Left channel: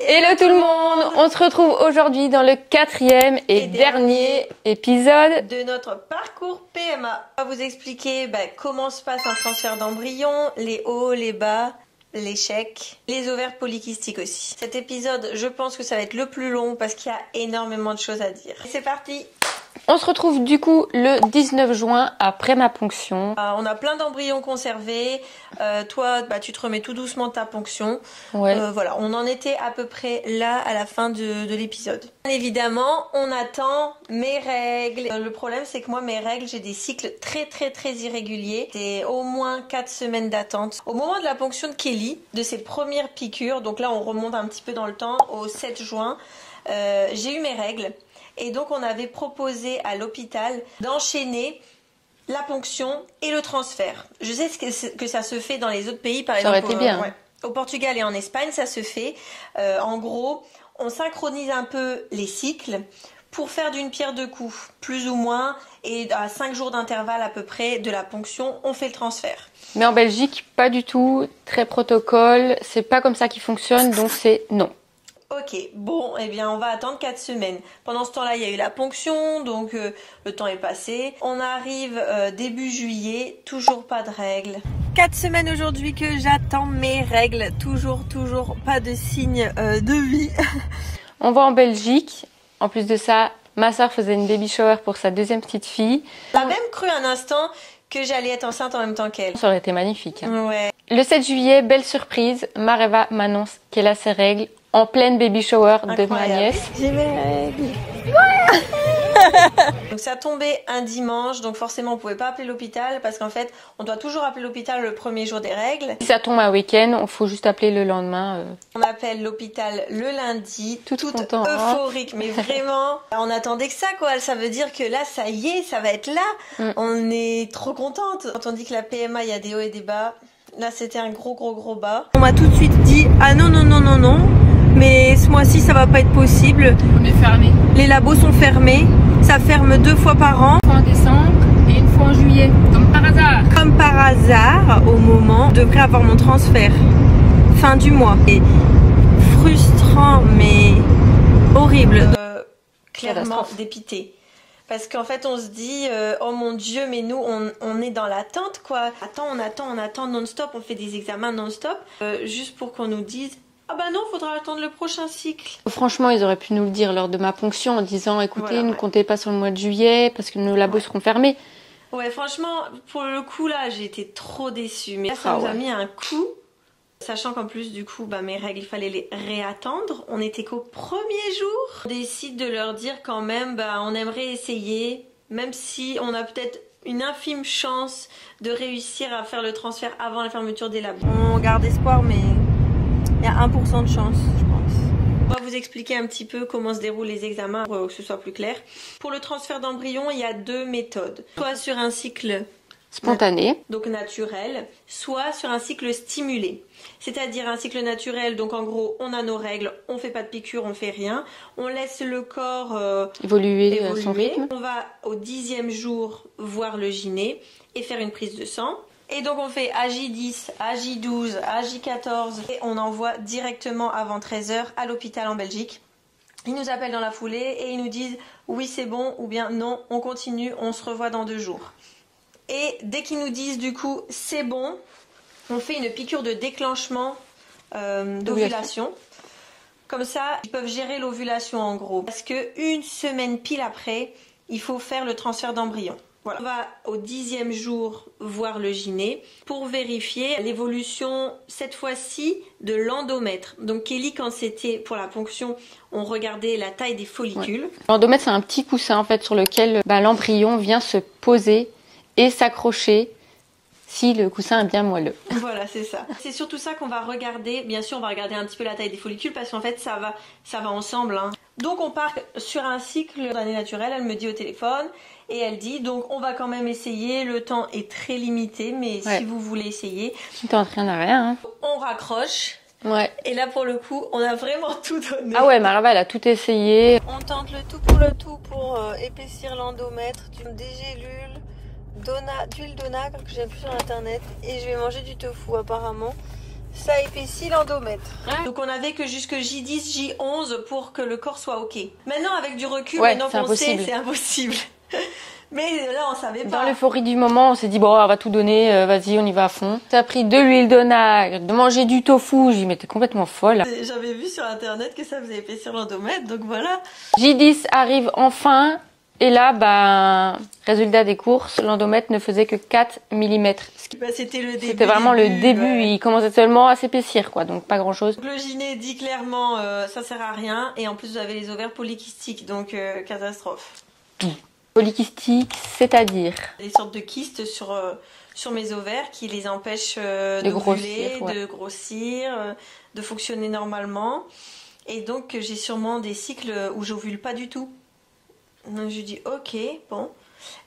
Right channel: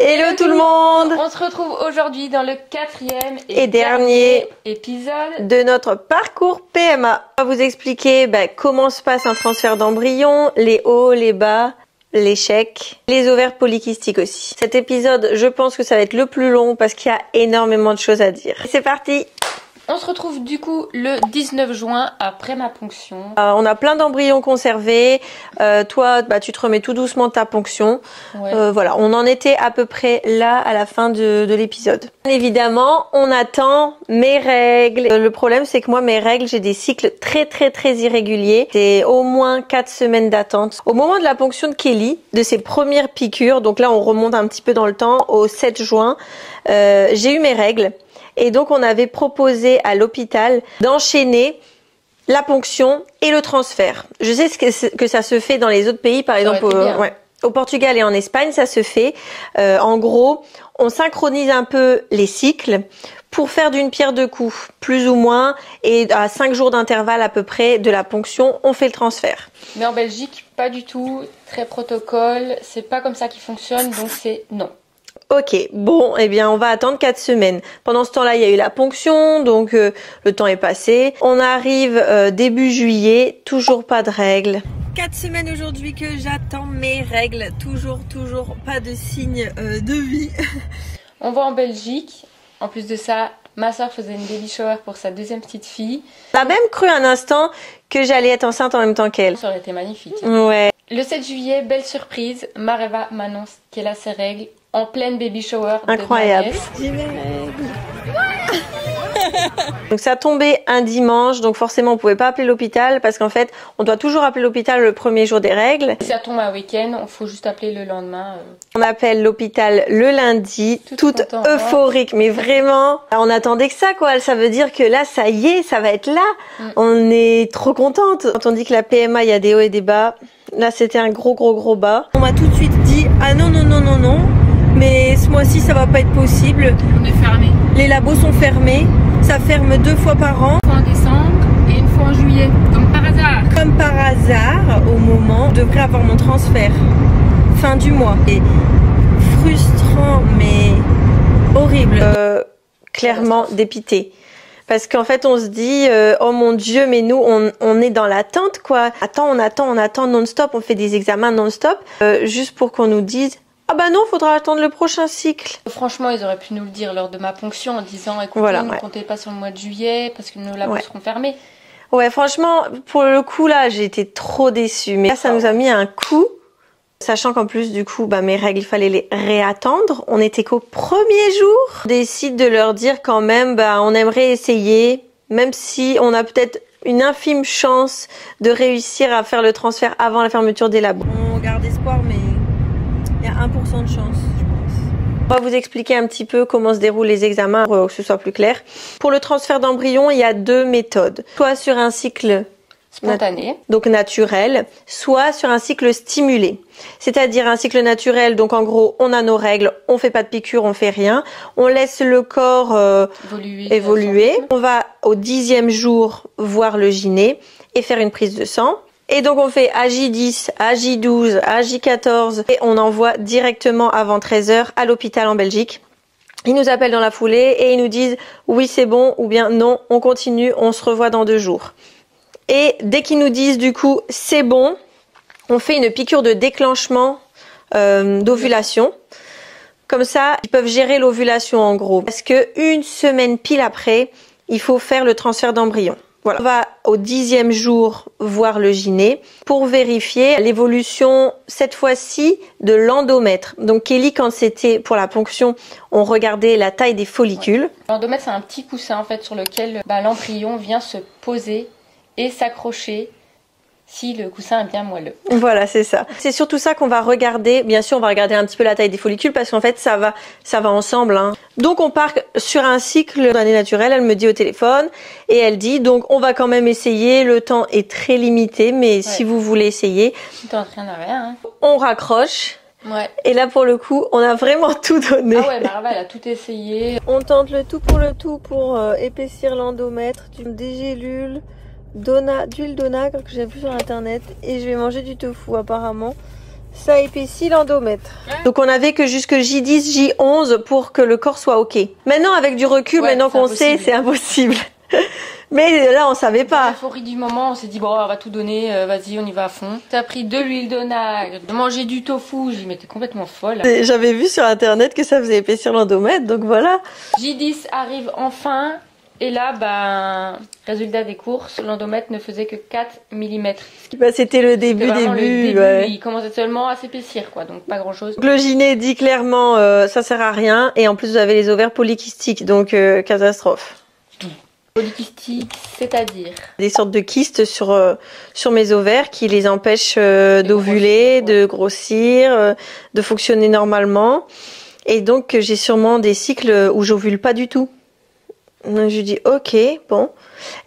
Hello tout le monde! On se retrouve aujourd'hui dans le 4e et dernier épisode de notre parcours PMA. On va vous expliquer comment se passe un transfert d'embryon, les hauts, les bas, l'échec, les ovaires polykystiques aussi. Cet épisode, je pense que ça va être le plus long parce qu'il y a énormément de choses à dire. C'est parti! On se retrouve du coup le 19 juin après ma ponction. On a plein d'embryons conservés. Toi, tu te remets tout doucement de ta ponction. Ouais. Voilà, on en était à peu près là à la fin de l'épisode. Évidemment, on attend mes règles. Le problème, c'est que moi, mes règles, j'ai des cycles très irréguliers. C'est au moins 4 semaines d'attente. Au moment de la ponction de Kelly, de ses premières piqûres, donc là, on remonte un petit peu dans le temps, au 7 juin, j'ai eu mes règles. Et donc, on avait proposé à l'hôpital d'enchaîner la ponction et le transfert. Je sais que ça se fait dans les autres pays, par exemple au Portugal et en Espagne, ça se fait. En gros, on synchronise un peu les cycles pour faire d'une pierre deux coups, plus ou moins, et à 5 jours d'intervalle à peu près de la ponction, on fait le transfert. Mais en Belgique, pas du tout, très protocole, c'est pas comme ça qu'il fonctionne, donc c'est non. Ok, bon, eh bien, on va attendre 4 semaines. Pendant ce temps-là, il y a eu la ponction, donc le temps est passé. On arrive début juillet, toujours pas de règles. 4 semaines aujourd'hui que j'attends mes règles. Toujours pas de signe de vie. On va en Belgique. En plus de ça, ma soeur faisait une baby shower pour sa deuxième petite fille. On a même cru un instant que j'allais être enceinte en même temps qu'elle. Ça aurait été magnifique. Ouais. Le 7 juillet, belle surprise, Mareva m'annonce qu'elle a ses règles. En pleine baby shower de ma nièce. Donc ça tombait un dimanche, donc forcément on pouvait pas appeler l'hôpital parce qu'en fait on doit toujours appeler l'hôpital le premier jour des règles. Si ça tombe un week-end, il faut juste appeler le lendemain. On appelle l'hôpital le lundi, toute euphorique, mais vraiment, on attendait que ça quoi. Ça veut dire que là ça y est, ça va être là. On est trop contente. Quand on dit que la PMA il y a des hauts et des bas, là c'était un gros bas. On m'a tout de suite dit ah non. Mais ce mois-ci, ça va pas être possible. On est fermé. Les labos sont fermés. Ça ferme 2 fois par an. Une fois en décembre et une fois en juillet. Comme par hasard. Comme par hasard, au moment, je devrais avoir mon transfert. Fin du mois. Et frustrant, mais horrible. Clairement dépité. Parce qu'en fait, on se dit, oh mon Dieu, mais nous, on est dans l'attente, quoi. On attend non-stop. On fait des examens non-stop. Juste pour qu'on nous dise, ah bah non, faudra attendre le prochain cycle. Franchement, ils auraient pu nous le dire lors de ma ponction en disant, écoutez, ne comptez pas sur le mois de juillet parce que nos labos seront fermés. Ouais, franchement, pour le coup là, j'ai été trop déçue. Mais là, ça nous a mis un coup. Sachant qu'en plus, du coup, mes règles, il fallait les réattendre. On était qu'au premier jour. On décide de leur dire quand même, on aimerait essayer, même si on a peut-être une infime chance de réussir à faire le transfert avant la fermeture des labos. On garde espoir, mais il y a 1% de chance, je pense. On va vous expliquer un petit peu comment se déroulent les examens pour que ce soit plus clair. Pour le transfert d'embryon, il y a 2 méthodes. Soit sur un cycle spontané, donc naturel, soit sur un cycle stimulé. C'est-à-dire un cycle naturel, donc en gros, on a nos règles, on fait pas de piqûre, on fait rien. On laisse le corps évoluer. On va au 10e jour voir le gyné et faire une prise de sang. Et donc on fait AJ10, AJ12, AJ14 et on envoie directement avant 13 h à l'hôpital en Belgique. Ils nous appellent dans la foulée et ils nous disent oui c'est bon ou bien non, on continue, on se revoit dans 2 jours. Et dès qu'ils nous disent du coup c'est bon, on fait une piqûre de déclenchement d'ovulation. Comme ça, ils peuvent gérer l'ovulation en gros. Parce que 1 semaine pile après, il faut faire le transfert d'embryon. Voilà. On va au 10e jour voir le gyné pour vérifier l'évolution, cette fois-ci, de l'endomètre. Donc Kelly, quand c'était pour la ponction, on regardait la taille des follicules. L'endomètre, c'est un petit coussin en fait sur lequel l'embryon vient se poser et s'accrocher si le coussin est bien moelleux. Voilà, c'est ça. C'est surtout ça qu'on va regarder. Bien sûr, on va regarder un petit peu la taille des follicules parce qu'en fait, ça va ensemble. Donc, on part sur un cycle d'année naturelle. Elle me dit au téléphone et elle dit, donc, on va quand même essayer. Le temps est très limité, mais si vous voulez essayer. Tu t'entraînes à rien. On raccroche. Ouais. Et là, pour le coup, on a vraiment tout donné. Ah ouais, Marava, elle a tout essayé. On tente le tout pour épaissir l'endomètre, des gélules, d'huile d'onagre que j'ai vu sur internet, et je vais manger du tofu apparemment. Ça épaissit l'endomètre. Donc on avait que jusque J10, J11 pour que le corps soit ok. Maintenant avec du recul, maintenant qu'on sait, c'est impossible. Mais là on savait pas. Dans l'euphorie du moment, on s'est dit bon on va tout donner, vas-y on y va à fond. T'as pris de l'huile d'onagre, de manger du tofu, j'ai dit mais t'es complètement folle. J'avais vu sur internet que ça faisait épaissir l'endomètre, donc voilà. J10 arrive enfin. Et là, résultat des courses, l'endomètre ne faisait que 4 mm. C'était le début. C'était vraiment le début. Ouais. Il commençait seulement à s'épaissir, quoi. Donc pas grand-chose. Le gyné dit clairement, ça sert à rien. Et en plus, vous avez les ovaires polykystiques, donc catastrophe. Polykystique, c'est-à-dire des sortes de kystes sur mes ovaires qui les empêchent d'ovuler, de grossir, de fonctionner normalement. Et donc, j'ai sûrement des cycles où j'ovule pas du tout. Donc, je lui dis ok, bon.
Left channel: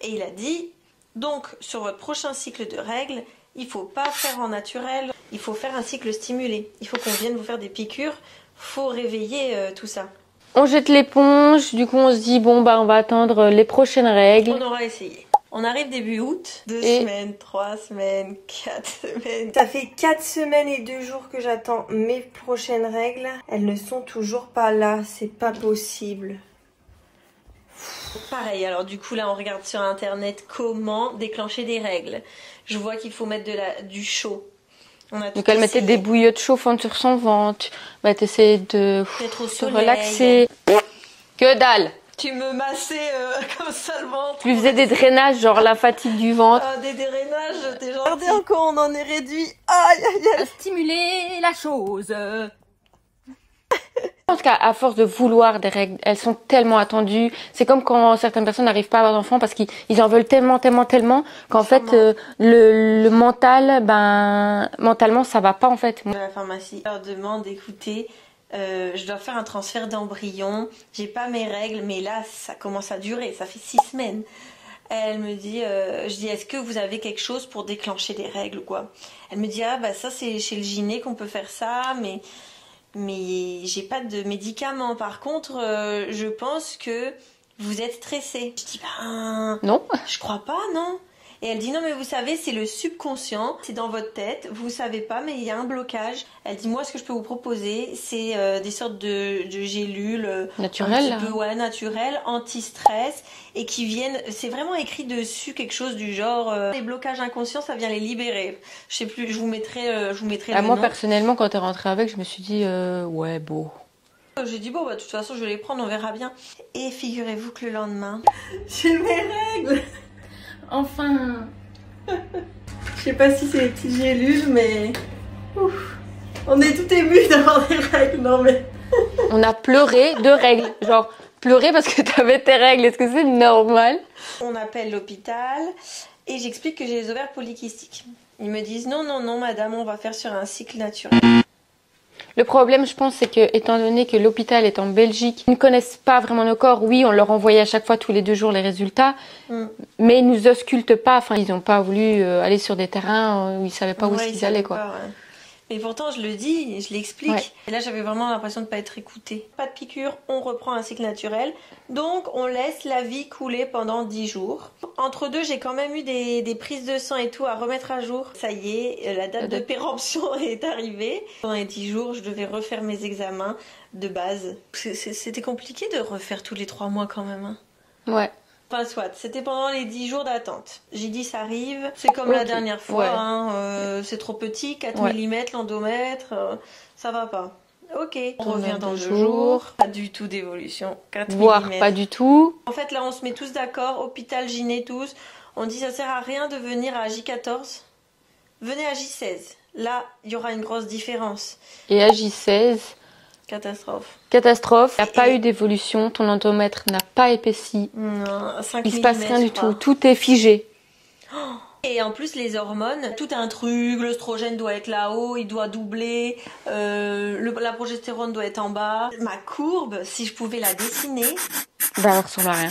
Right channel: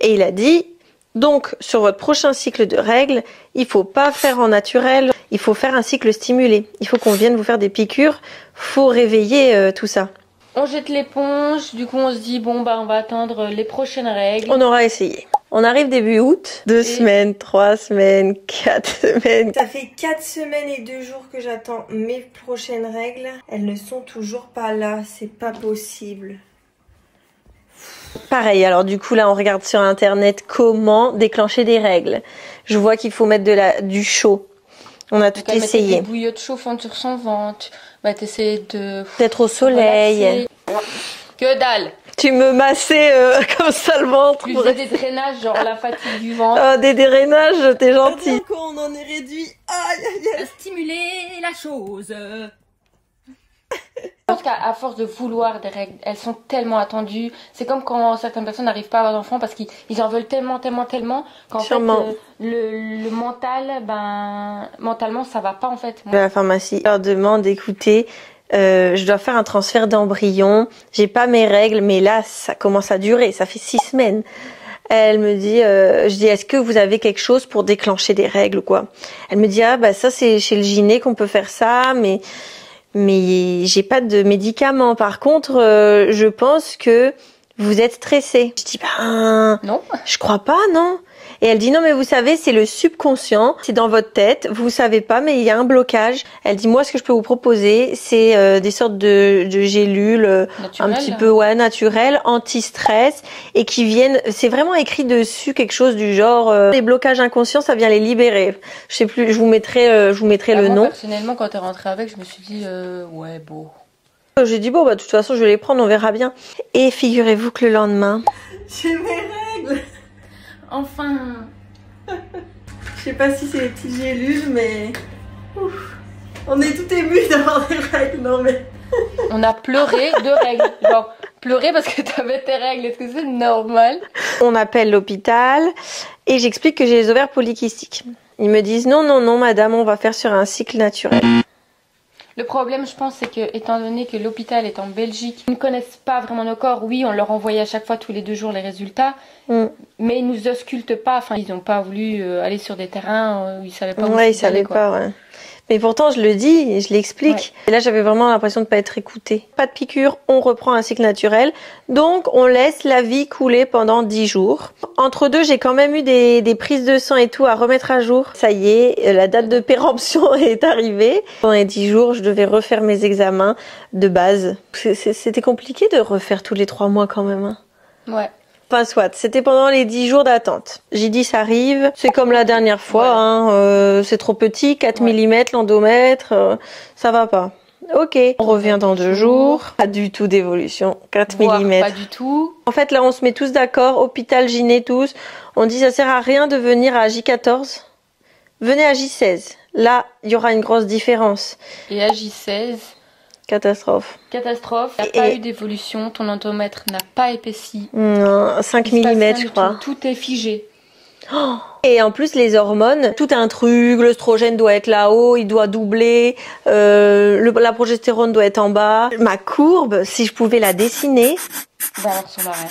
Et il a dit donc sur votre prochain cycle de règles, il faut pas faire en naturel, il faut faire un cycle stimulé. Il faut qu'on vienne vous faire des piqûres, faut réveiller tout ça. On jette l'éponge, du coup on se dit bon on va attendre les prochaines règles. On aura essayé. On arrive début août, 2 semaines, 3 semaines, 4 semaines. Ça fait 4 semaines et 2 jours que j'attends mes prochaines règles. Elles ne sont toujours pas là, c'est pas possible. Pareil, alors du coup là on regarde sur internet comment déclencher des règles. Je vois qu'il faut mettre du chaud. On a tout essayé. Mettre des bouillottes chauffantes sur son ventre. T'essayes d'être au soleil. Relaxer. Que dalle. Tu me massais comme ça le ventre. Tu faisais des drainages, genre la fatigue du ventre. Ah, des drainages, t'es gentil. Quand on en est réduit. Aïe, aïe, aïe. Stimuler la chose. Je pense qu'à force de vouloir des règles, elles sont tellement attendues. C'est comme quand certaines personnes n'arrivent pas à avoir d'enfants parce qu'ils en veulent tellement qu'en fait le mental, mentalement ça va pas en fait. À la pharmacie, je leur demande d'écouter. Je dois faire un transfert d'embryon. J'ai pas mes règles, mais là ça commence à durer. Ça fait 6 semaines. Elle me dit, je dis, est-ce que vous avez quelque chose pour déclencher des règles ou quoi? Elle me dit, ça c'est chez le gyné qu'on peut faire ça, mais j'ai pas de médicaments. Par contre, je pense que vous êtes stressé. Je dis non, je crois pas, non. Et elle dit non mais vous savez c'est le subconscient, c'est dans votre tête, vous savez pas mais il y a un blocage. Elle dit moi ce que je peux vous proposer c'est des sortes de gélules naturelles, un petit peu naturelles, anti-stress et qui viennent, c'est vraiment écrit dessus quelque chose du genre les blocages inconscients ça vient les libérer. Je sais plus, je vous mettrai le nom. Moi personnellement quand t'es rentrée avec je me suis dit ouais beau. J'ai dit bon de toute façon je vais les prendre, on verra bien. Et figurez-vous que le lendemain j'ai mes règles. Enfin. Je sais pas si c'est les petites gélules, mais ouf. On est tout ému d'avoir des règles, non mais. On a pleuré de règles, genre pleurer parce que t'avais tes règles. Est-ce que c'est normal? On appelle l'hôpital et j'explique que j'ai les ovaires polykystiques. Ils me disent non madame, on va faire sur un cycle naturel. Le problème, je pense, c'est que, étant donné que l'hôpital est en Belgique, ils ne connaissent pas vraiment nos corps. Oui, on leur envoyait à chaque fois, tous les 2 jours, les résultats. Mais ils nous auscultent pas. Enfin, ils n'ont pas voulu aller sur des terrains où ils savaient pas où ils savaient pas, ouais. Mais pourtant, je le dis et je l'explique. Ouais. Et là, j'avais vraiment l'impression de ne pas être écoutée. Pas de piqûre, on reprend un cycle naturel. Donc, on laisse la vie couler pendant 10 jours. Entre deux, j'ai quand même eu des prises de sang et tout à remettre à jour. Ça y est, la date de péremption est arrivée. Pendant les 10 jours, je devais refaire mes examens de base. C'était compliqué de refaire tous les 3 mois quand même. Hein. Ouais. Enfin soit, c'était pendant les 10 jours d'attente. J'ai dit ça arrive, c'est comme la dernière fois, hein, c'est trop petit, 4 mm l'endomètre, ça va pas. Ok, on revient dans 2 jours, pas du tout d'évolution, 4 mm. Pas du tout. En fait là on se met tous d'accord, hôpital, gyné, tous, on dit ça sert à rien de venir à J14, venez à J16, là il y aura une grosse différence. Et à J16 catastrophe. Catastrophe. Il n'y a pas eu d'évolution. Ton endomètre n'a pas épaissi. Non, 5 mm, je crois. Tout est figé. Oh. Et en plus, les hormones, tout un truc. L'œstrogène doit être là-haut, il doit doubler. La progestérone doit être en bas. Ma courbe, si je pouvais la dessiner. Ça ressemble à rien.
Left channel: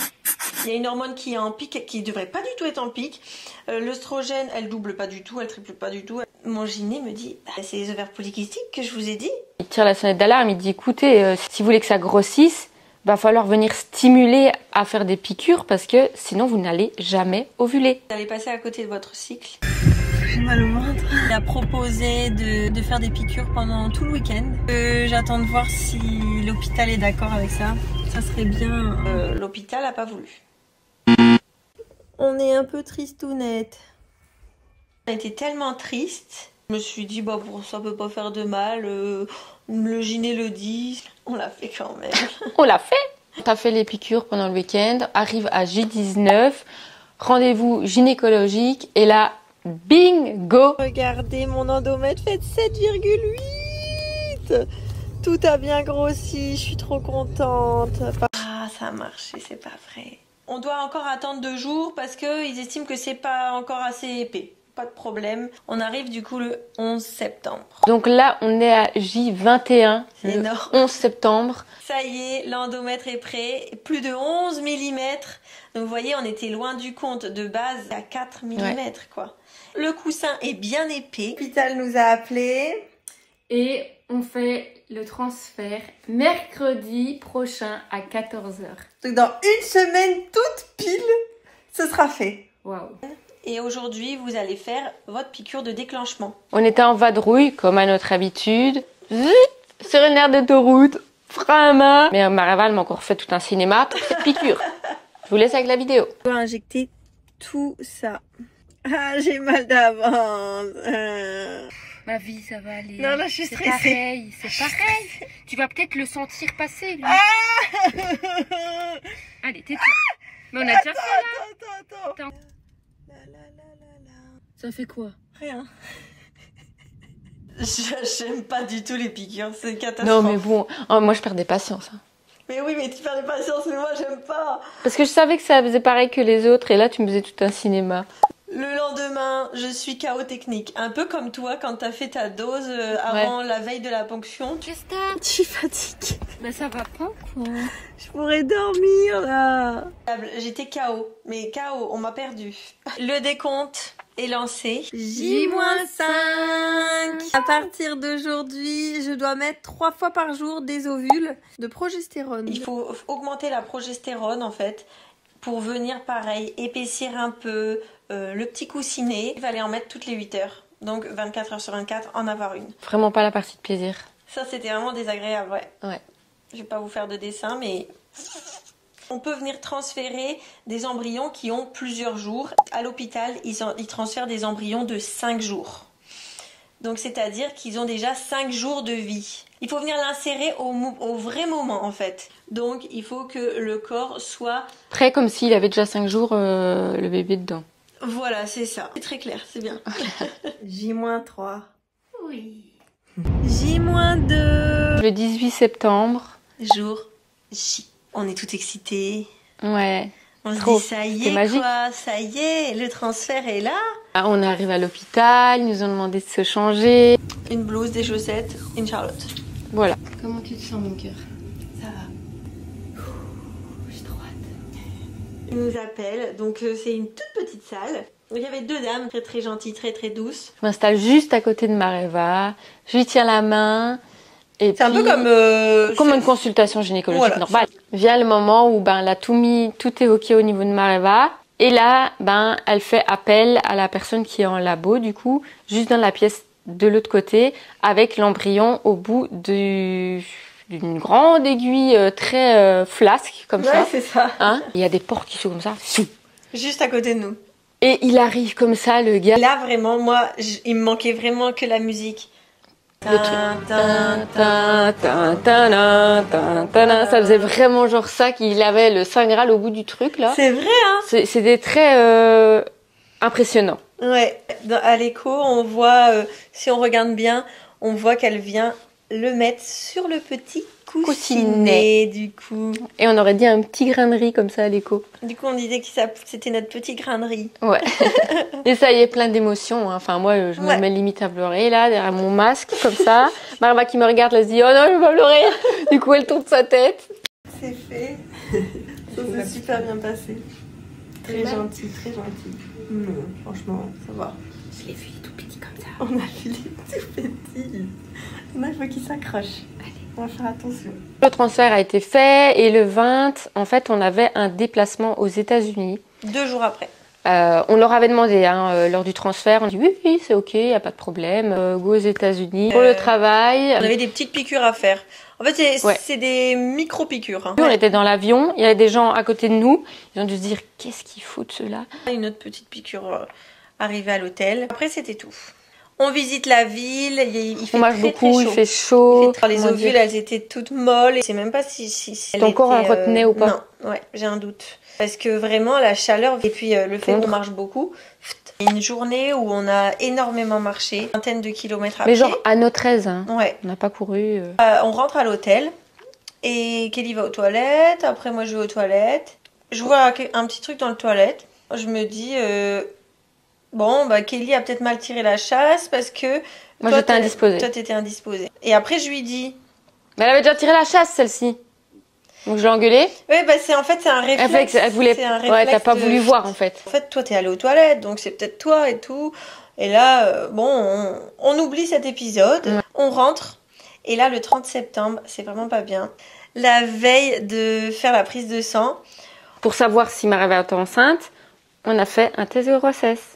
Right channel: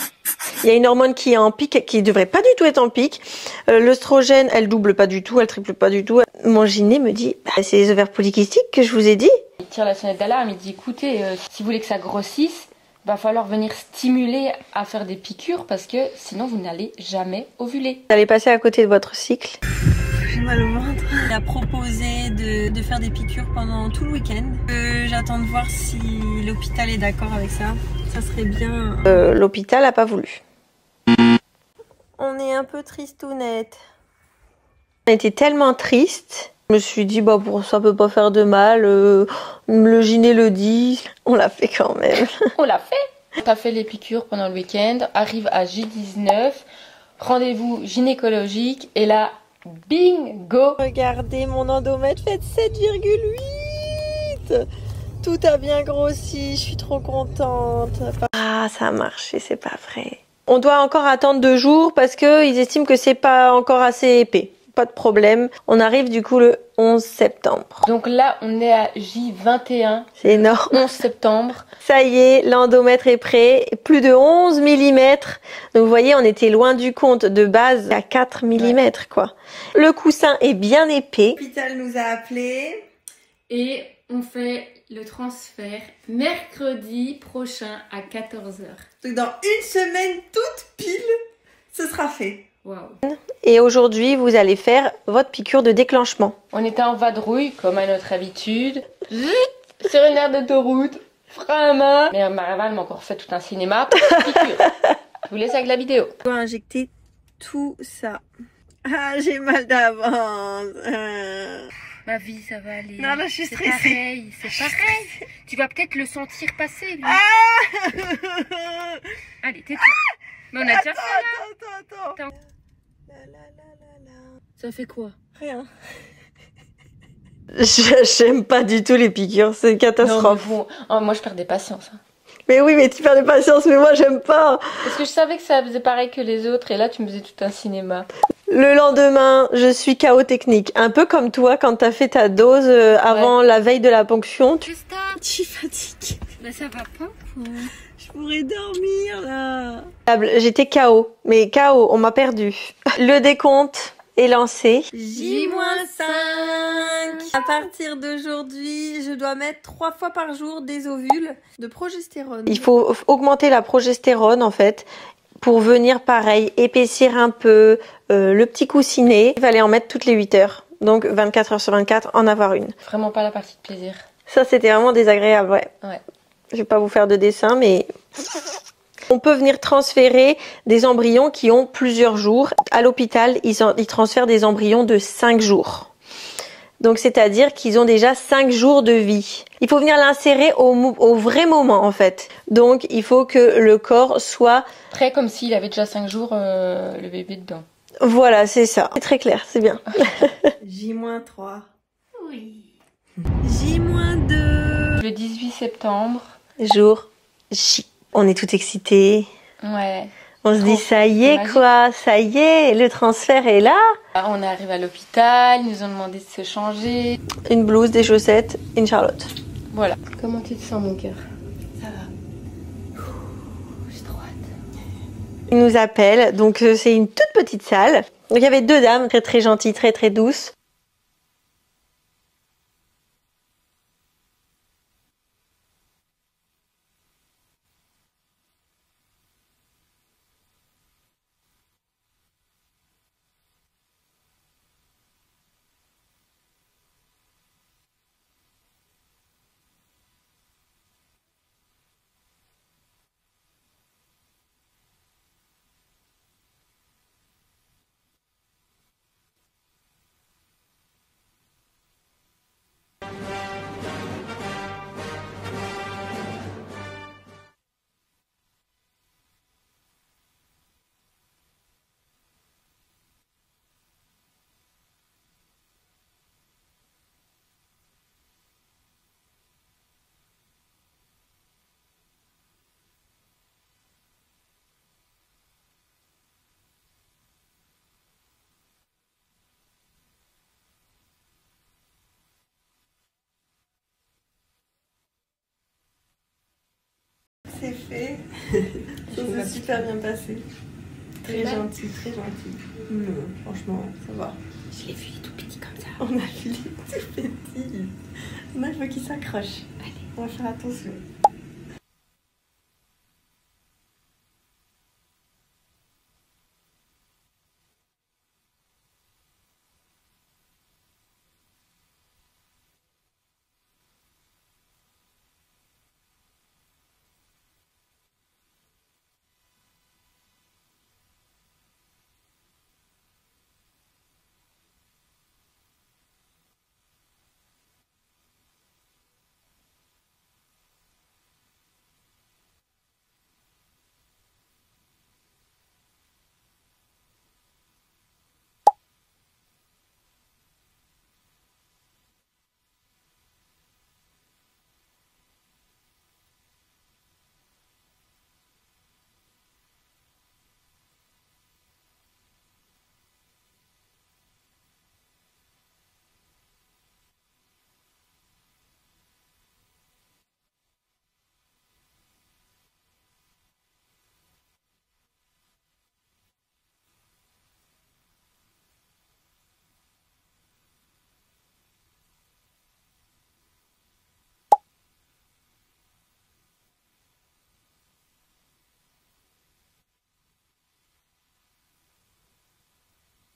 Il y a une hormone qui est en pic, qui devrait pas du tout être en pic. L'œstrogène, elle double pas du tout, elle triple pas du tout. Mon gyné me dit, c'est les ovaires polykystiques que je vous ai dit. Il tire la sonnette d'alarme, il dit, écoutez, si vous voulez que ça grossisse, va falloir venir stimuler à faire des piqûres parce que sinon vous n'allez jamais ovuler. Vous allez passer à côté de votre cycle. J'ai mal au ventre. Il a proposé de faire des piqûres pendant tout le week-end. J'attends de voir si l'hôpital est d'accord avec ça. Ça serait bien. L'hôpital n'a pas voulu. On est un peu tristounette. On était tellement triste. Je me suis dit, bah, pour ça peut pas faire de mal. Le gyné le dit. On l'a fait quand même. On l'a fait. T'as fait les piqûres pendant le week-end. Arrive à J19. Rendez-vous gynécologique. Et là, bingo! Regardez, mon endomètre fait 7,8. Tout a bien grossi. Je suis trop contente. Ah, ça a marché, c'est pas vrai. On doit encore attendre 2 jours parce qu'ils estiment que c'est pas encore assez épais. Pas de problème. On arrive du coup le 11 septembre. Donc là, on est à J21. C'est énorme. 11 septembre. Ça y est, l'endomètre est prêt. Plus de 11 mm. Donc vous voyez, on était loin du compte. De base à 4 mm quoi. Le coussin est bien épais. L'hôpital nous a appelés. Et on fait le transfert mercredi prochain à 14h. Donc dans une semaine toute pile, ce sera fait. Waouh. Et aujourd'hui, vous allez faire votre piqûre de déclenchement. On était en vadrouille, comme à notre habitude. Zut, sur une aire d'autoroute, frein à main. Mais Marava m'a encore fait tout un cinéma, petite piqûre. Je vous laisse avec la vidéo. On va injecter tout ça. Ah, j'ai mal d'avance. Ma vie, ça va aller. Non, là, je suis stressée. Pareil, c'est pareil. Tu vas peut-être le sentir passer, lui. Allez, tais-toi. Mais on a déjà fait, là. Attends. Ça fait quoi? Rien. J'aime pas du tout les piqûres, c'est une catastrophe. Non, mais vous... Oh, moi, je perds des patience. Hein. Mais oui, mais tu perds des patience, mais moi, j'aime pas. Parce que je savais que ça faisait pareil que les autres, et là, tu me faisais tout un cinéma. Le lendemain, je suis KO technique. Un peu comme toi, quand t'as fait ta dose avant la veille de la ponction. Je suis fatiguée. Mais ça va pas, quoi. Je pourrais dormir, là. J'étais KO, mais KO, on m'a perdu. Le décompte est lancé. J-5. À partir d'aujourd'hui, je dois mettre 3 fois par jour des ovules de progestérone. Il faut augmenter la progestérone, en fait, pour venir, pareil, épaissir un peu le petit coussinet. Il fallait en mettre toutes les 8 heures. Donc, 24 heures sur 24, en avoir une. Vraiment pas la partie de plaisir. Ça, c'était vraiment désagréable, ouais. Je vais pas vous faire de dessin, mais... On peut venir transférer des embryons qui ont plusieurs jours. À l'hôpital, ils transfèrent des embryons de 5 jours. Donc, c'est-à-dire qu'ils ont déjà 5 jours de vie. Il faut venir l'insérer au vrai moment, en fait. Donc, il faut que le corps soit... Prêt comme s'il avait déjà 5 jours le bébé dedans. Voilà, c'est ça. C'est très clair, c'est bien. J-3. Oui. J-2. Le 18 septembre. Jour J. On est tout excités. Ouais. On se dit, ça y est quoi, ça y est, le transfert est là. Alors, on arrive à l'hôpital, ils nous ont demandé de se changer. Une blouse, des chaussettes, une Charlotte. Voilà. Comment tu te sens, mon cœur? Ça va. J'ai trop hâte. Ils nous appellent, donc c'est une toute petite salle. Donc il y avait 2 dames très très gentilles, très très douces. Je m'installe juste à côté de Mareva, je lui tiens la main. C'est un peu comme une consultation gynécologique normale. Vient le moment où elle a tout mis, tout est ok au niveau de Mareva. Et là, elle fait appel à la personne qui est en labo, du coup, juste dans la pièce de l'autre côté, avec l'embryon au bout d'une grande aiguille très flasque, comme ça. Ouais, c'est ça. Hein, il y a des portes qui sont comme ça. Juste à côté de nous. Et il arrive comme ça, le gars. Là, vraiment, moi, il me manquait vraiment que la musique. Le truc. Ça faisait vraiment genre ça qu'il avait le Saint Graal au bout du truc là. C'est vrai hein. C'était très impressionnant. Ouais, à l'écho on voit, si on regarde bien, on voit qu'elle vient le mettre sur le petit coussinet du coup. Et on aurait dit un petit grain de riz comme ça à l'écho. Du coup on disait que c'était notre petit grain de riz. Ouais. Et ça y est, plein d'émotions. Hein. Enfin moi je me mets limite à pleurer là, derrière mon masque comme ça. Marva qui me regarde, elle se dit oh non je vais pas pleurer. Du coup elle tourne sa tête. C'est fait. Ça s'est super bien passé. Très gentil, très gentil. Franchement ça va. Je l'ai vu tout petit comme ça. On a vu les tout petits. Maintenant il faut qu'il s'accroche. On va faire attention. Le transfert a été fait et le 20, en fait, on avait un déplacement aux États-Unis. 2 jours après. On leur avait demandé lors du transfert, on dit oui, c'est ok, il n'y a pas de problème, go aux États-Unis pour le travail. On avait des petites piqûres à faire. En fait, c'est des micro-piqûres. On était dans l'avion, il y avait des gens à côté de nous, ils ont dû se dire qu'est-ce qu'ils foutent ceux-là. Une autre petite piqûre arrivée à l'hôtel. Après, c'était tout. On visite la ville, il fait très chaud. Il fait chaud. Les ovules, elles étaient toutes molles. Je sais même pas si ton corps en retenait ou pas. Non, ouais, j'ai un doute. Parce que vraiment, la chaleur et puis le fait qu'on marche beaucoup. Une journée où on a énormément marché, une vingtaine de kilomètres à pied. Mais genre à notre aise, ouais. On n'a pas couru. On rentre à l'hôtel et Kelly va aux toilettes. Après, moi, je vais aux toilettes. Je vois un petit truc dans le toilette. Je me dis, bon, bah, Kelly a peut-être mal tiré la chasse parce que moi, j'étais indisposée. Toi, t'étais indisposée. Et après, je lui dis... Mais elle avait déjà tiré la chasse, celle-ci. Donc je l'ai engueulée. Oui, bah c'est un réflexe. Elle voulait... Ouais, t'as pas voulu voir en fait. En fait, toi t'es allée aux toilettes, donc c'est peut-être toi et tout. Et là, bon, on oublie cet épisode, on rentre. Et là, le 30 septembre, c'est vraiment pas bien. La veille de faire la prise de sang. Pour savoir si Maréva était enceinte, on a fait un test de grossesse.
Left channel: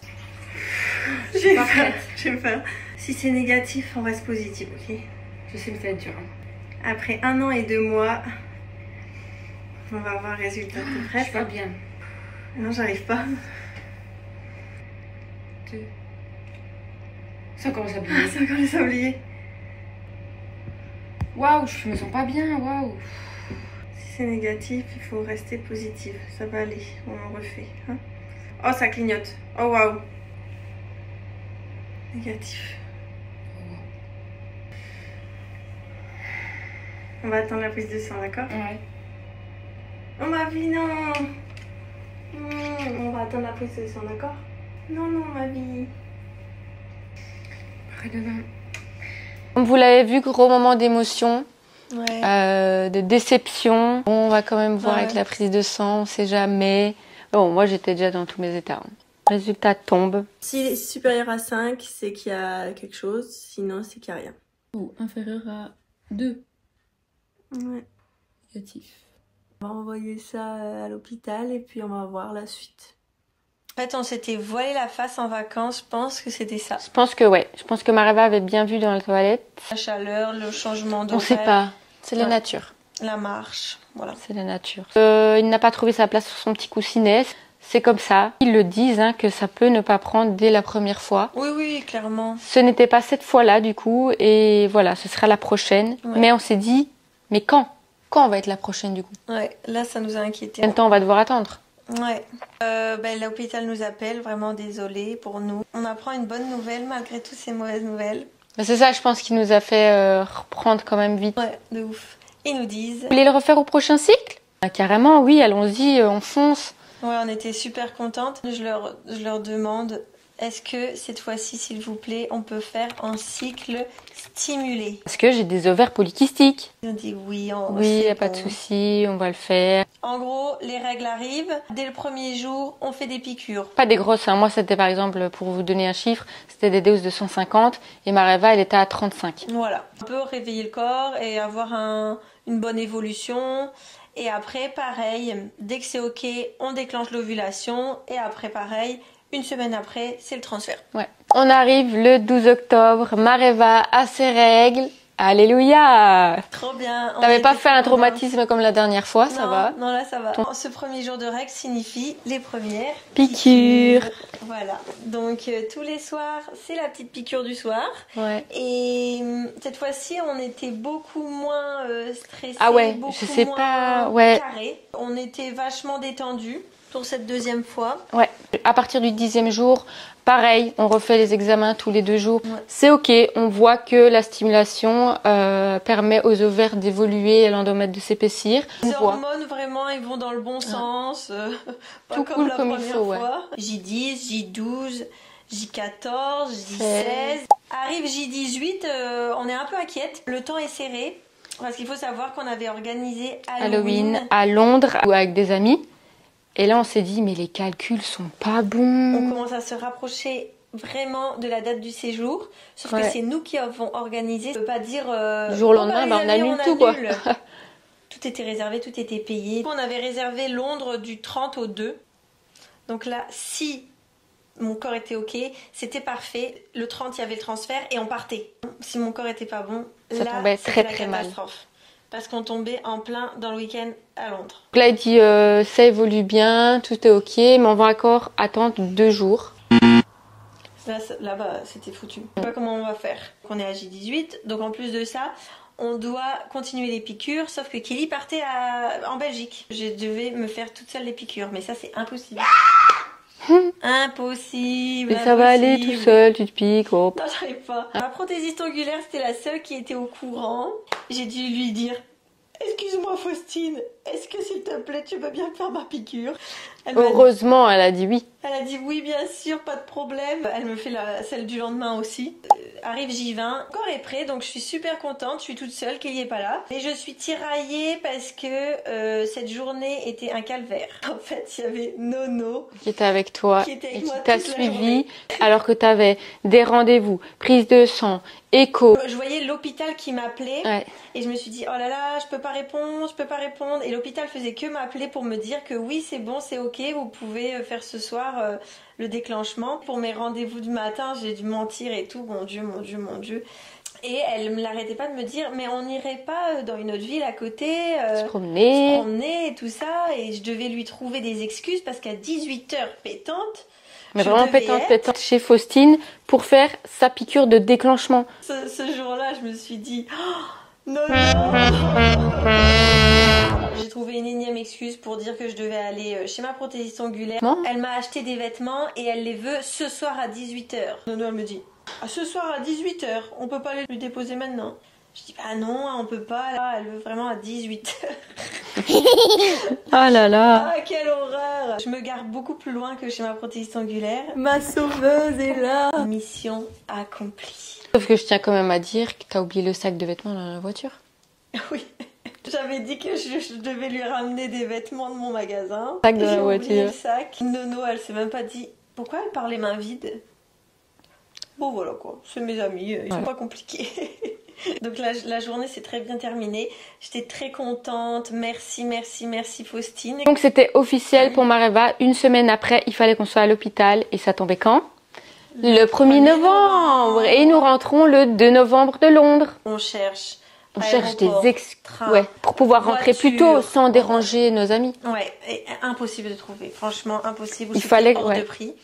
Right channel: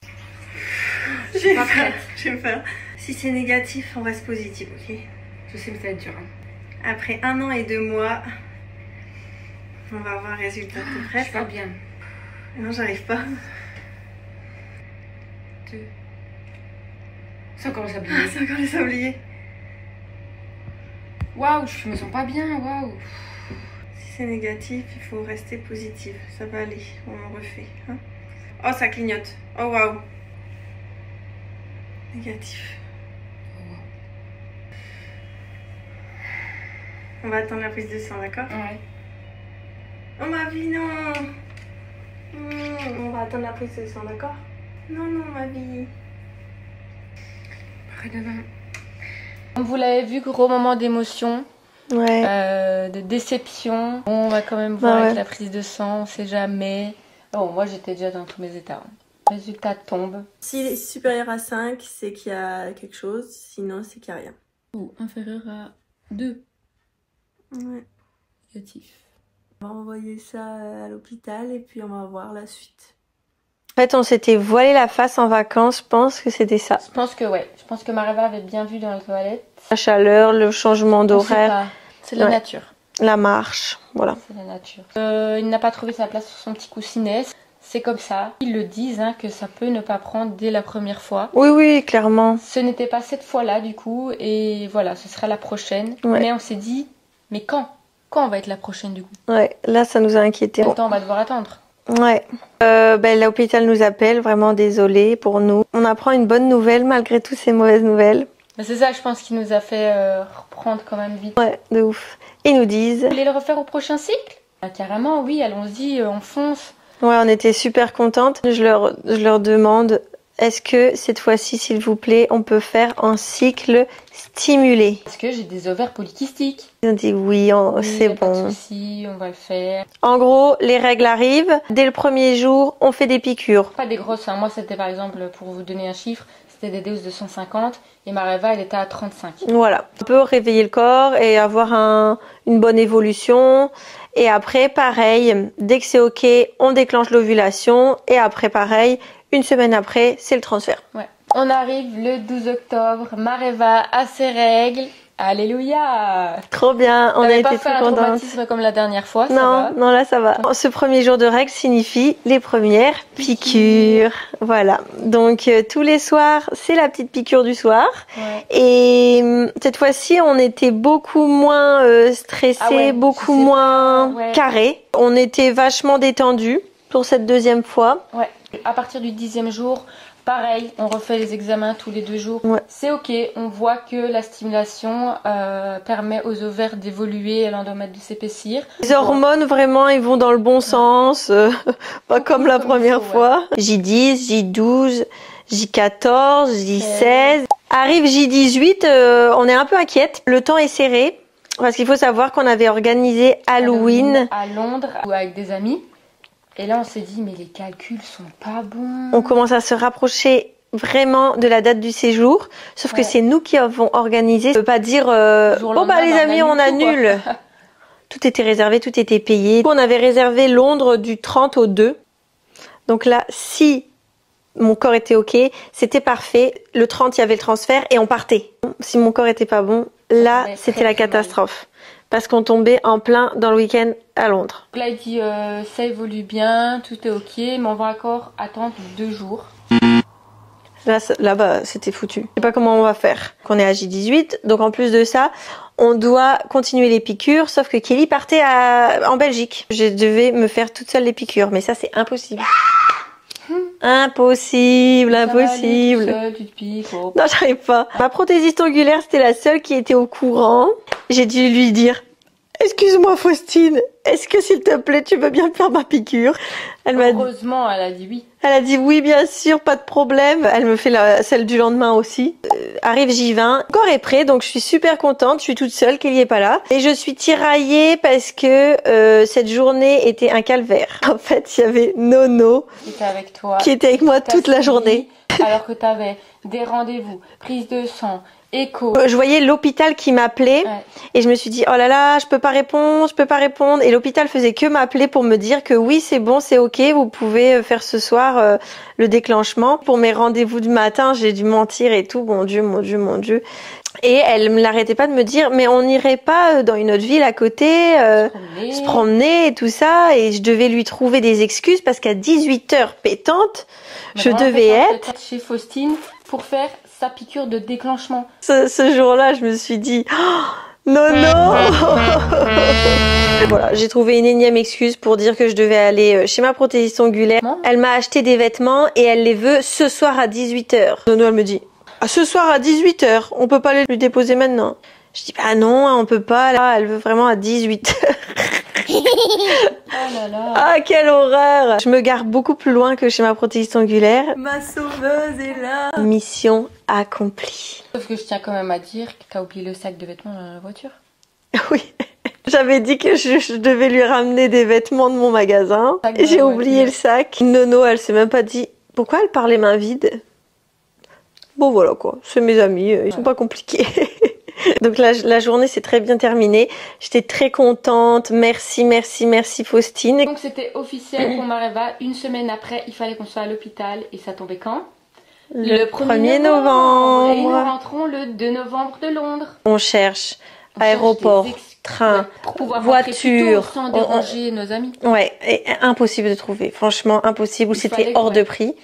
J'ai peur. Si c'est négatif, on reste positif, ok? Je sais que ça va être dur. Après 1 an et 2 mois... On va avoir un résultat. T'es prête? Je suis pas bien. Non, j'arrive pas. 2. Ça commence à oublier. Ça commence à oublier. Waouh, je me sens pas bien, waouh. Si c'est négatif, il faut rester positif. Ça va aller, on refait. Hein? Oh, ça clignote. Oh, waouh. Négatif. Oh, wow. On va attendre la prise de sang, d'accord? Ouais. Oh ma vie, non. On va attendre la prise de sang, d'accord? Non, ma vie. Comme vous l'avez vu, gros moment d'émotion, de déception. On va quand même voir avec la prise de sang, on sait jamais. Bon, moi j'étais déjà dans tous mes états. Résultat tombe. S'il est supérieur à 5, c'est qu'il y a quelque chose, sinon c'est qu'il n'y a rien. Ou inférieur à 2. Ouais. Négatif. On va envoyer ça à l'hôpital et puis on va voir la suite. En fait, on s'était voilé la face en vacances, je pense que c'était ça. Je pense que Je pense que Maréva avait bien vu dans la toilette. La chaleur, le changement d'horaire. C'est la nature. La marche, voilà. C'est la nature. Il n'a pas trouvé sa place sur son petit coussinet. C'est comme ça. Ils le disent que ça peut ne pas prendre dès la première fois. Oui, clairement. Ce n'était pas cette fois-là du coup. Et voilà, ce sera la prochaine. Ouais. Mais on s'est dit, mais quand on va être la prochaine du coup? Ouais, là ça nous a inquiétés. Quel temps on va devoir attendre? Ouais. L'hôpital nous appelle, vraiment désolé pour nous. On apprend une bonne nouvelle malgré toutes ces mauvaises nouvelles. C'est ça, je pense, qui nous a fait reprendre quand même vite. Ouais, de ouf. Ils nous disent... Vous voulez le refaire au prochain cycle? Carrément, oui, allons-y, on fonce. Ouais, on était super contentes. Je leur demande, est-ce que cette fois-ci, s'il vous plaît, on peut faire un cycle stimulé? Parce que j'ai des ovaires polykystiques. Ils ont dit oui, c'est bon. Pas de souci, on va le faire. En gros, les règles arrivent. Dès le premier jour, on fait des piqûres. Pas des grosses. Moi, c'était par exemple, pour vous donner un chiffre, c'était des doses de 150 et Maréva, elle était à 35. Voilà. On peut réveiller le corps et avoir une bonne évolution. Et après, pareil, dès que c'est ok, on déclenche l'ovulation. Et après, pareil, une semaine après, c'est le transfert. Ouais. On arrive le 12 octobre, Maréva a ses règles. Alléluia! Trop bien. On n'avait pas fait un traumatisme comme la dernière fois, ça va? Non, là ça va. Ce premier jour de règles signifie les premières piqûres. Voilà. Donc tous les soirs, c'est la petite piqûre du soir. Ouais. Et cette fois-ci, on était beaucoup moins stressés, beaucoup moins carrés. On était vachement détendus pour cette deuxième fois. Ouais. À partir du 10e jour, pareil, on refait les examens tous les 2 jours. Ouais. C'est ok, on voit que la stimulation permet aux ovaires d'évoluer et l'endomètre de s'épaissir. Les hormones, vraiment, ils vont dans le bon sens, pas comme la première fois. Ouais. J10, J12, J14, J16. Arrive J18, on est un peu inquiète. Le temps est serré, parce qu'il faut savoir qu'on avait organisé Halloween à Londres avec des amis. Et là, on s'est dit, mais les calculs sont pas bons. On commence à se rapprocher vraiment de la date du séjour. Sauf que c'est nous qui avons organisé. On ne peut pas dire, les amis, on annule. Tout était réservé, tout était payé. On avait réservé Londres du 30 au 2. Donc là, si mon corps était ok, c'était parfait. Le 30, il y avait le transfert et on partait. Si mon corps était pas bon, là, c'était la catastrophe. Parce qu'on tombait en plein dans le week-end à Londres. Donc là, il dit ça évolue bien, tout est ok, mais on va encore attendre 2 jours. Là-bas, c'était foutu. Je sais pas comment on va faire. On est à J18, donc en plus de ça, on doit continuer les piqûres, sauf que Kelly partait en Belgique. Je devais me faire toute seule les piqûres, mais ça, c'est impossible. Impossible, mais ça va aller impossible. tout seul, tu te piques. Oh. Non, j'arrive pas. Ma prothésiste ongulaire, c'était la seule qui était au courant. J'ai dû lui dire, excuse-moi Faustine, est-ce que s'il te plaît, tu veux bien faire ma piqûre? Heureusement, elle a dit oui. Elle a dit oui, bien sûr, pas de problème. Elle me fait celle du lendemain aussi. Arrive J20, le corps est prêt, donc je suis super contente. Je suis toute seule, Kelly est pas là. Et je suis tiraillée parce que cette journée était un calvaire. En fait, il y avait Nono qui était avec toi, qui était avec moi toute la journée. Alors que tu avais des rendez-vous, prise de sang, écho. Je voyais l'hôpital qui m'appelait et je me suis dit oh là là, je peux pas répondre. Et l'hôpital faisait que m'appeler pour me dire que oui, c'est bon, c'est ok, vous pouvez faire ce soir le déclenchement. Pour mes rendez-vous du matin, j'ai dû mentir et tout. Mon Dieu. Et elle ne l'arrêtait pas de me dire mais on n'irait pas dans une autre ville à côté se promener et tout ça. Et je devais lui trouver des excuses parce qu'à 18h pétante, je devais être chez Faustine pour faire sa piqûre de déclenchement. Ce jour-là, je me suis dit non. Voilà, j'ai trouvé une énième excuse pour dire que je devais aller chez ma prothésiste ongulaire. Elle m'a acheté des vêtements et elle les veut ce soir à 18h. Nono, elle me dit ce soir à 18h, on peut pas aller lui déposer maintenant. Je dis bah non, on peut pas. Là, elle veut vraiment à 18h. Ah là là. Ah, quelle horreur. Je me gare beaucoup plus loin que chez ma prothésiste ongulaire. Ma sauveuse est là. Mission accomplie. Sauf que je tiens quand même à dire que t'as oublié le sac de vêtements dans la voiture. Oui. J'avais dit que je devais lui ramener des vêtements de mon magasin. J'ai oublié le sac. Nono, elle s'est même pas dit pourquoi elle parle les mains vides. Bon voilà quoi, c'est mes amis, ils sont pas compliqués. Donc la journée s'est très bien terminée. J'étais très contente. Merci Faustine. Donc c'était officiel pour Mareva. Une semaine après, il fallait qu'on soit à l'hôpital. Et ça tombait quand? Le 1er novembre. Et nous rentrons le 2 novembre de Londres. On cherche aéroport, train, pour pouvoir rentrer plus tôt sans déranger nos amis. Ouais, et impossible de trouver. Franchement, impossible. C'était hors de prix.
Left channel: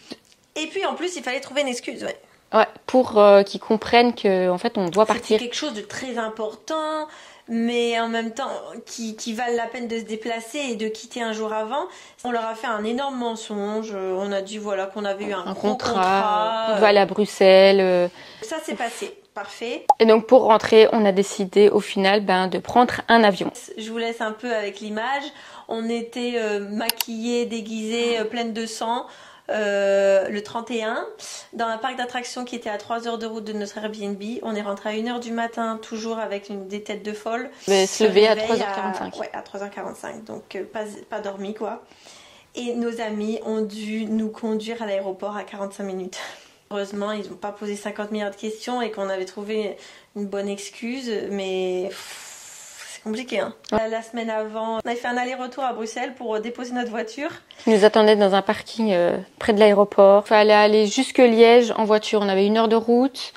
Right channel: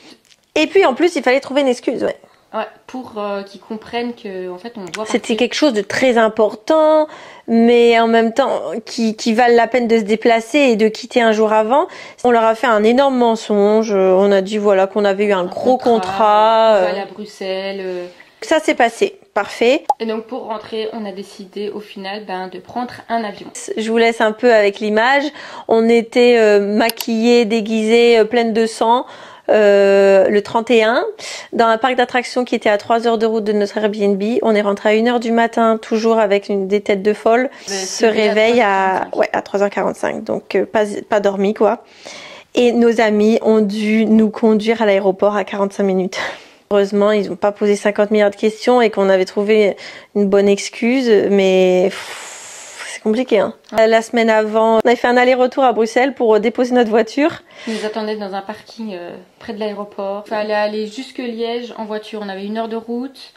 Et puis en plus, il fallait trouver une excuse. Ouais, pour qu'ils comprennent qu'en fait on doit partir. C'était quelque chose de très important, mais en même temps qui valent la peine de se déplacer et de quitter un jour avant. On leur a fait un énorme mensonge. On a dit voilà qu'on avait eu un gros contrat. On va aller à Bruxelles. Ça s'est passé. Parfait. Et donc pour rentrer, on a décidé au final de prendre un avion. Je vous laisse un peu avec l'image. On était maquillés, déguisés, pleines de sang. Le 31 dans un parc d'attractions qui était à 3 heures de route de notre Airbnb. On est rentré à 1h du matin, toujours avec des têtes de folle. Se réveille à 3h45, donc pas dormi quoi. Et nos amis ont dû nous conduire à l'aéroport à 45 minutes. Heureusement, ils n'ont pas posé 50 milliards de questions et qu'on avait trouvé une bonne excuse, mais c'est compliqué. La semaine avant, on avait fait un aller-retour à Bruxelles pour déposer notre voiture. Ils nous attendaient dans un parking près de l'aéroport. Il fallait aller jusque Liège en voiture. On avait 1 heure de route.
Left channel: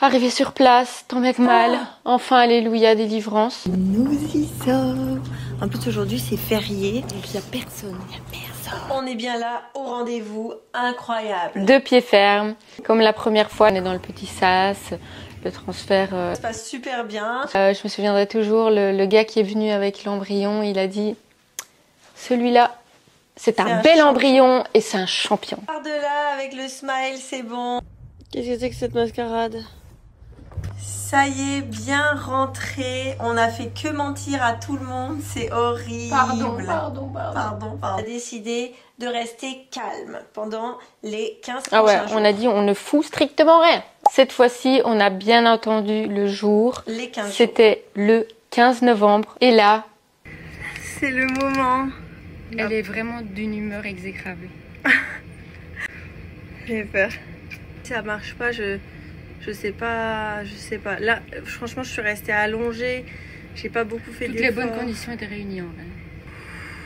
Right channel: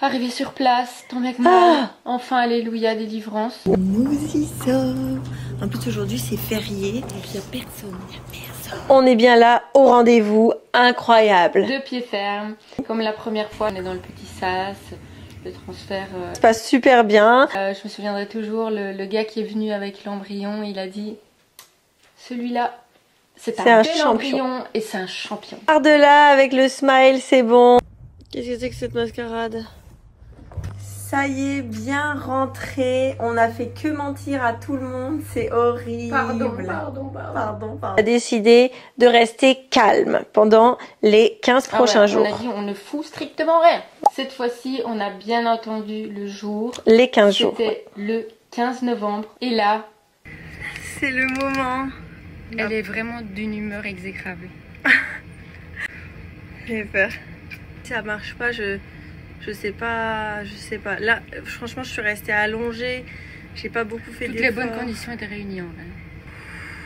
Arrivé sur place, tant bien que mal. Enfin, alléluia, délivrance. Nous y sommes. En plus, aujourd'hui, c'est férié. Donc, il n'y a personne. On est bien là, au rendez-vous. Incroyable. 2 pieds fermes. Comme la première fois, on est dans le petit sas. Le transfert ça se passe super bien. Je me souviendrai toujours, le gars qui est venu avec l'embryon, il a dit celui-là, c'est un bel embryon et c'est un champion. Par de là, avec le smile, c'est bon. Qu'est-ce que c'est que cette mascarade? Ça y est, bien rentré. On n'a fait que mentir à tout le monde. C'est horrible. Pardon. On a décidé de rester calme pendant les 15 prochains jours. On a dit on ne fout strictement rien. Cette fois-ci, on a bien entendu le jour. Les 15 jours. C'était le 15 novembre. Et là, c'est le moment. Elle est vraiment d'une humeur exécrable. J'ai peur. Si ça marche pas, je sais pas. Là, franchement, je suis restée allongée. J'ai pas beaucoup fait d'efforts. Toutes les bonnes conditions étaient réunies en vrai.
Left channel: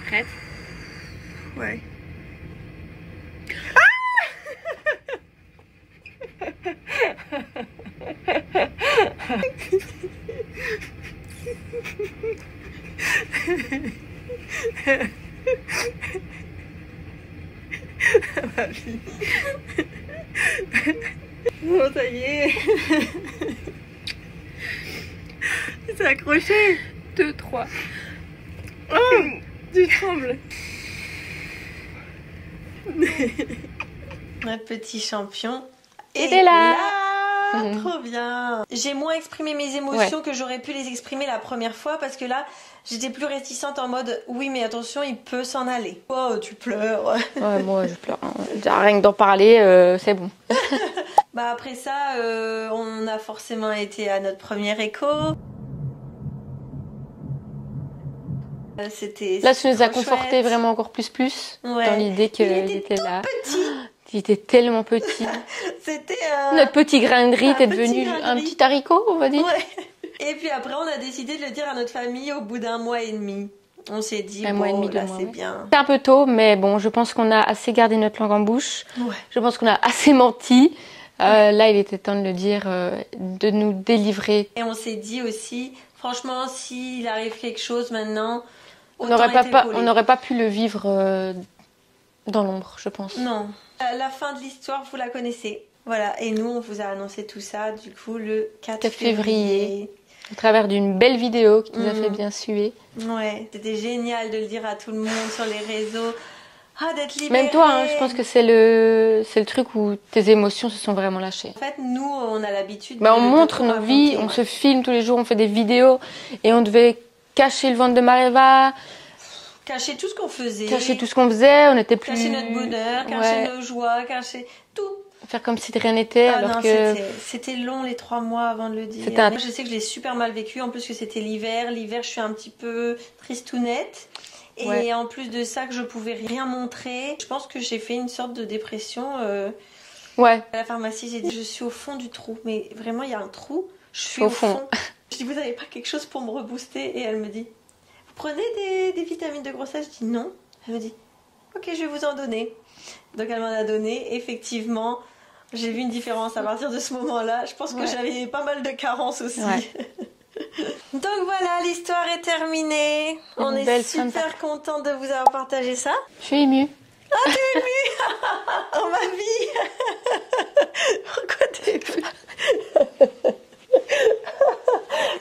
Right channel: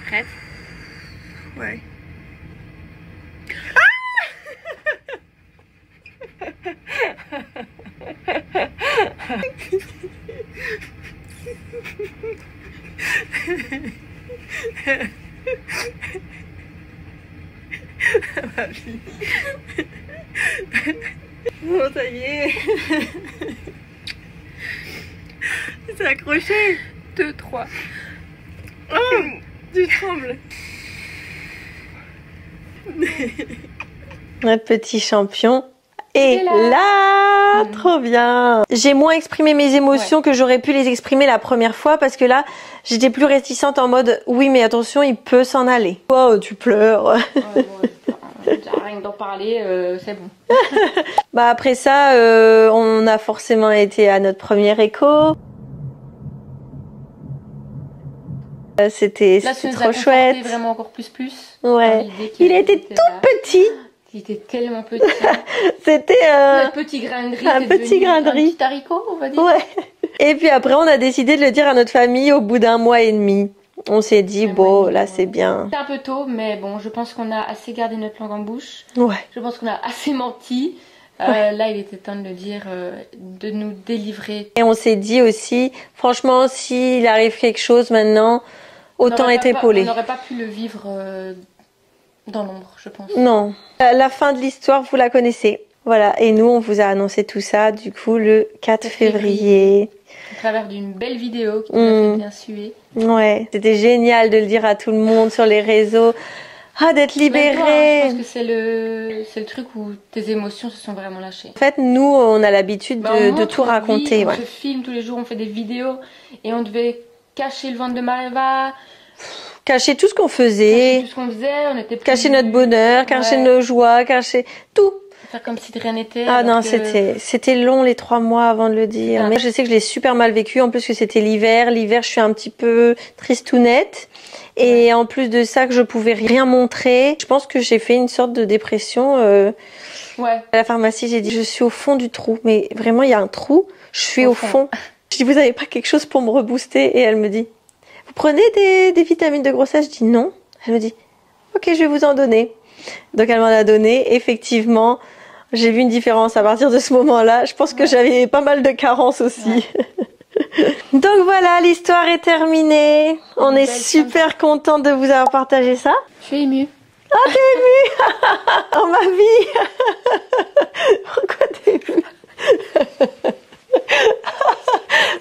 Prête? Ouais. Ma fille. Bon, ça y est. C'est accroché. 2, 3. Oh, tu trembles. Notre petit champion est là. Trop bien. J'ai moins exprimé mes émotions que j'aurais pu les exprimer la première fois parce que là, j'étais plus réticente en mode oui, mais attention, il peut s'en aller. Oh, tu pleures. Ouais, moi, je pleure. Rien que d'en parler, c'est bon. Bah après ça, on a forcément été à notre premier écho. C'était là, ça nous trop a chouette. conforté vraiment encore plus. Ouais. Dans l'idée Il était tout petit. Il était tellement petit. C'était notre petit grain de riz était devenu un petit haricot, on va dire. Ouais. Et puis après, on a décidé de le dire à notre famille au bout d'1 mois et demi. On s'est dit, bon, là, c'est bien. C'est un peu tôt, mais bon, je pense qu'on a assez gardé notre langue en bouche. Ouais. Je pense qu'on a assez menti. Là, il était temps de le dire, de nous délivrer. Et on s'est dit aussi, franchement, s'il arrive quelque chose maintenant, autant être épaulé. On n'aurait pas pu le vivre dans l'ombre, je pense. Non. La fin de l'histoire, vous la connaissez. Voilà. Et nous, on vous a annoncé tout ça, du coup, le 4 février. À travers d'une belle vidéo qui nous a fait bien suer. Ouais. C'était génial de le dire à tout le monde sur les réseaux. Ah, d'être libérée. Toi, hein, je pense que c'est le truc où tes émotions se sont vraiment lâchées. En fait, nous, on a l'habitude de tout raconter. On se filme tous les jours, on fait des vidéos et on devait cacher le ventre de Mareva. Cacher tout ce qu'on faisait. Cacher tout ce qu'on faisait, on était plus... Cacher notre bonheur, cacher nos joies, cacher tout. Faire comme si de rien n'était. Ah non, c'était long les 3 mois avant de le dire. Mais je sais que je l'ai super mal vécu, en plus que c'était l'hiver. L'hiver, je suis un petit peu tristounette. Et en plus de ça, que je pouvais rien montrer. Je pense que j'ai fait une sorte de dépression. À la pharmacie, j'ai dit, je suis au fond du trou. Mais vraiment, il y a un trou. Je suis au fond. Je dis, vous avez pas quelque chose pour me rebooster? Et elle me dit, vous prenez des vitamines de grossesse? Je dis non. Elle me dit, ok, je vais vous en donner. Donc elle m'en a donné. Effectivement, j'ai vu une différence à partir de ce moment-là. Je pense que j'avais pas mal de carences aussi. Donc voilà, l'histoire est terminée. On est super content de vous avoir partagé ça. Je suis émue. Ah, t'es émue? Oh ma vie. Pourquoi t'es émue?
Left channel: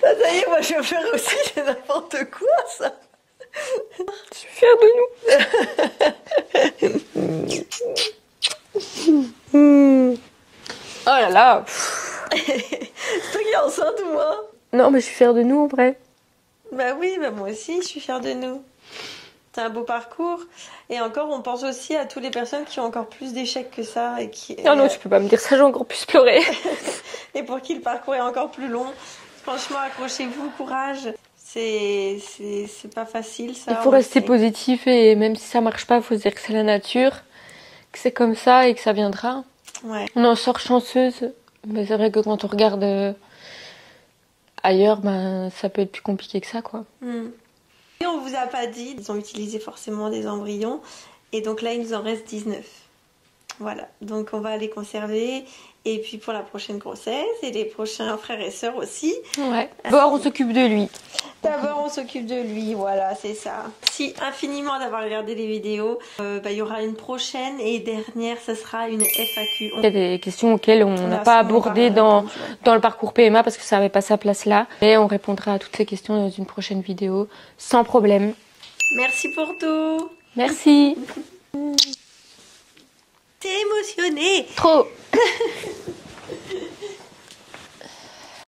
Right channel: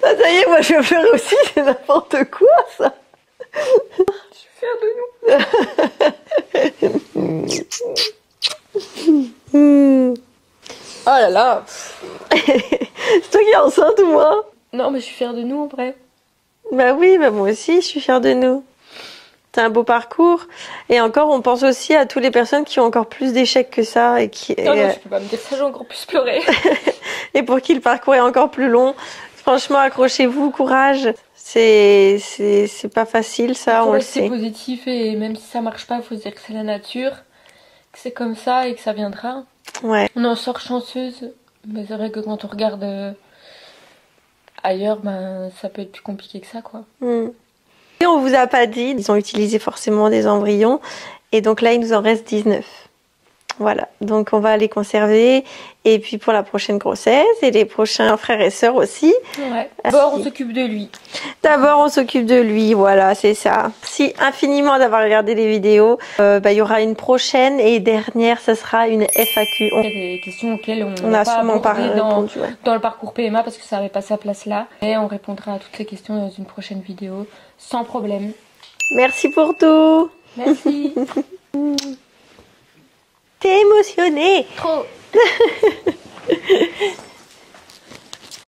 Ça y est, moi je vais faire aussi, c'est n'importe quoi ça. Je suis fière de nous. Oh là là. C'est toi qui es enceinte ou moi? Non, mais je suis fière de nous, en vrai. Bah oui, bah moi aussi, je suis fière de nous. C'est un beau parcours. Et encore, on pense aussi à toutes les personnes qui ont encore plus d'échecs que ça. Et qui, non, je peux pas me dire ça, j'ai encore plus pleuré. Et pour qui le parcours est encore plus long. Franchement, accrochez-vous, courage. C'est pas facile, ça. Il faut rester positif et même si ça marche pas, il faut se dire que c'est la nature, que c'est comme ça et que ça viendra. Ouais. On en sort chanceuse, mais c'est vrai que quand on regarde... ailleurs, ben, ça peut être plus compliqué que ça, quoi. Et on vous a pas dit, ils ont utilisé forcément des embryons. Et donc là, il nous en reste 19. Voilà, donc on va les conserver. Et puis pour la prochaine grossesse et les prochains frères et sœurs aussi. Ouais. D'abord, on s'occupe de lui. D'abord, on s'occupe de lui, voilà, c'est ça. Merci infiniment d'avoir regardé les vidéos. Il y aura une prochaine et dernière, ça sera une FAQ. Il y a des questions auxquelles on n'a pas abordé dans le parcours PMA parce que ça n'avait pas sa place là. Et on répondra à toutes ces questions dans une prochaine vidéo, sans problème. Merci pour tout. Merci. T'es émotionnée. Trop.